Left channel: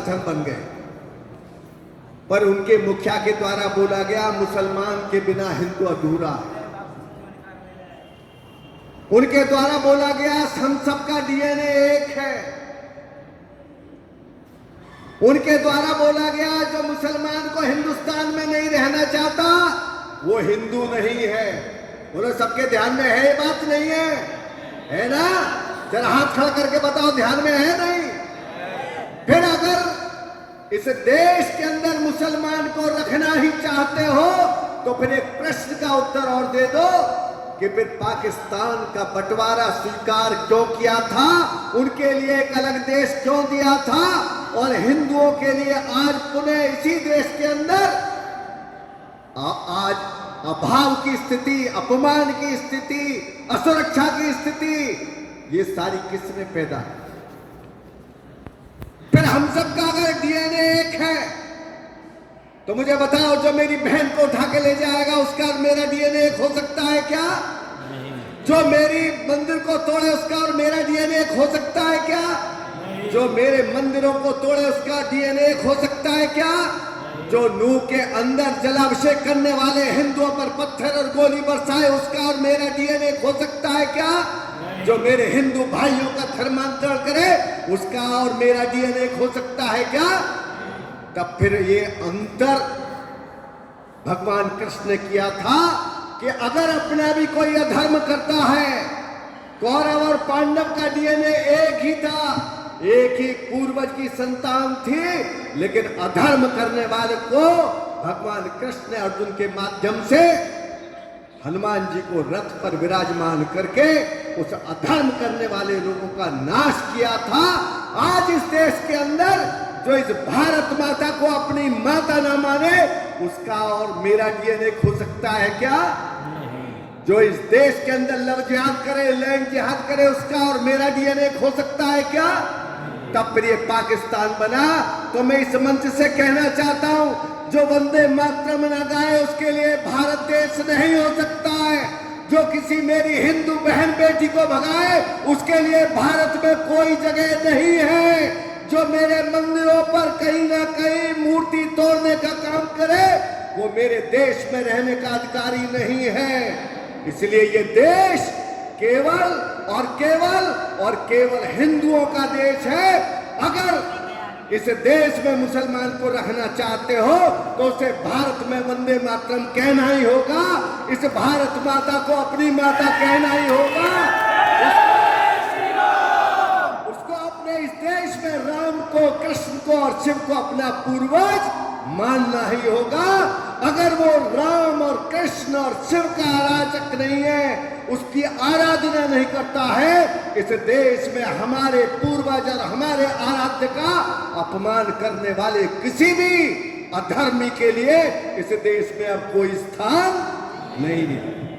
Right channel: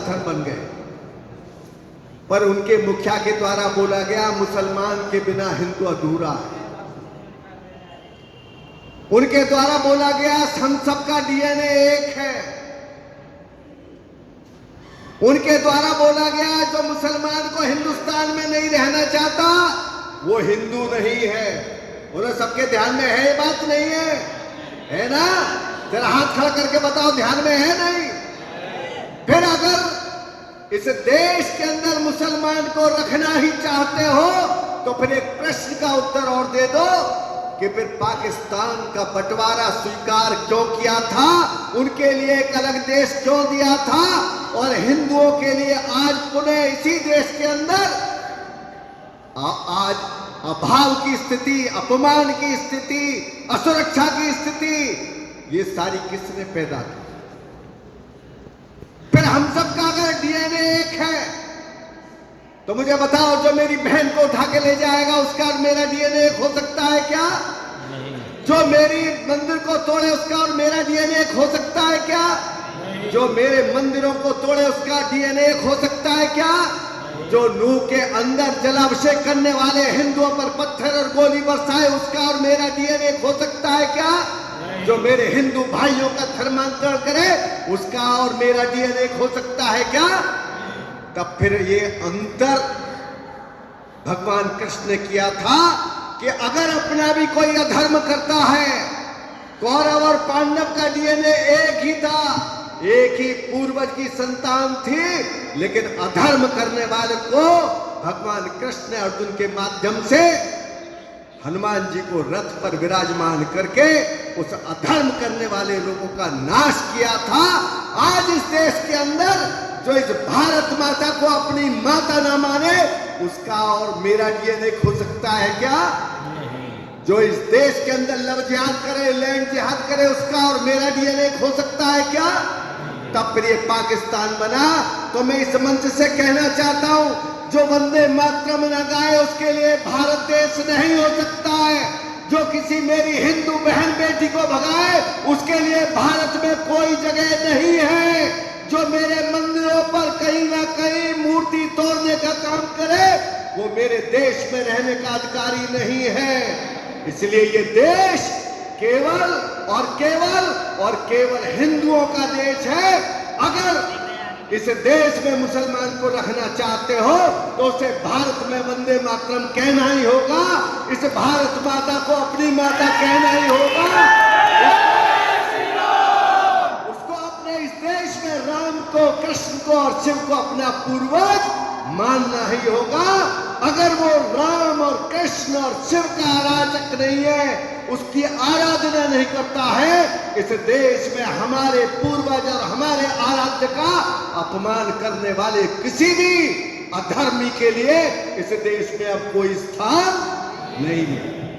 सांसद बन गए, पर उनके मुखिया के द्वारा बोला गया मुसलमान के बिना हिंदू अधूरा है। उनके द्वारा बोला गया हम सबका डीएनए एक है। उनके द्वारा बोला गया जो मुसलमान को हिंदुस्तान में नहीं रहना चाहता वो हिंदू नहीं है। उन्हें सबके ध्यान में है ये बात? नहीं है, है ना? जरा हाथ खड़ा करके बताओ, ध्यान में है? नहीं? फिर अगर इस देश के अंदर मुसलमान को रखना ही चाहते हो तो फिर एक प्रश्न का उत्तर और दे दो कि फिर पाकिस्तान का बंटवारा स्वीकार क्यों किया था, उनके लिए एक अलग देश क्यों दिया था, और हिंदुओं के लिए आज पुनः इसी देश के अंदर आज अभाव की स्थिति, अपमान की स्थिति, असुरक्षा की स्थिति, ये सारी किसने पैदा की? फिर हम सबका अगर डीएनए एक है तो मुझे बताओ, जो मेरी बहन को उठा के ले जाएगा उसका और मेरा डीएनए एक हो सकता है क्या? नहीं। जो मेरी मंदिर को तोड़े उसका और मेरा डीएनए एक हो सकता है क्या? नहीं। जो मेरे मंदिरों को तोड़े उसका डीएनए एक हो सकता है क्या? नहीं। जो नूह के अंदर जलाभिषेक करने वाले हिंदुओं पर पत्थर और गोली बरसाए उसका और मेरा डीएनए एक हो सकता है क्या? नहीं। जो मेरे हिंदू भाइयों का धर्मांतरण करे उसका और मेरा डीएनए एक हो सकता है क्या? तब फिर ये अंतर भगवान कृष्ण ने किया था कि अगर अपना भी कोई अधर्म करता है, कौरव और पांडव का डीएनए एक ही था, एक ही पूर्वज की संतान थी, लेकिन अधर्म करने वाले को भगवान कृष्ण ने अर्जुन के माध्यम से हनुमान जी को रथ पर विराजमान करके उस अधर्म करने वाले लोगों का नाश किया था। आज इस देश के अंदर जो इस भारत माता को अपनी माता ना माने उसका और मेरा डीएनए हो सकता है क्या? नहीं। जो इस देश के अंदर लव जिहाद करे, लैंड जिहाद करे उसका और मेरा डीएनए हो सकता है क्या? नहीं। तब फिर ये पाकिस्तान बना। तो मैं इस मंच से कहना चाहता हूं, जो वंदे मातरम न गाए उसके लिए भारत देश नहीं हो सकता है। जो किसी मेरी हिंदू बहन बेटी को भगाए उसके लिए भारत में कोई जगह नहीं है। जो मेरे मंदिरों पर कहीं ना कहीं मूर्ति तोड़ने का काम करे वो मेरे देश में रहने का अधिकारी नहीं है। इसलिए ये देश केवल और केवल हिंदुओं का देश है। अगर इस देश में मुसलमान को रखना चाहते हो तो उसे भारत में वंदे मातरम कहना ही होगा, इस भारत माता को अपनी माता कहना ही होगा, उसको अपने इस देश में राम को, कृष्ण को और शिव को अपना पूर्वज मानना ही होगा। अगर वो राम और कृष्ण और शिव का आराधक नहीं है, उसकी आराधना नहीं करता है, इस देश में हमारे पूर्वज और हमारे आराध्य का अपमान करने वाले किसी भी अधर्मी के लिए इस देश में अब कोई स्थान नहीं है।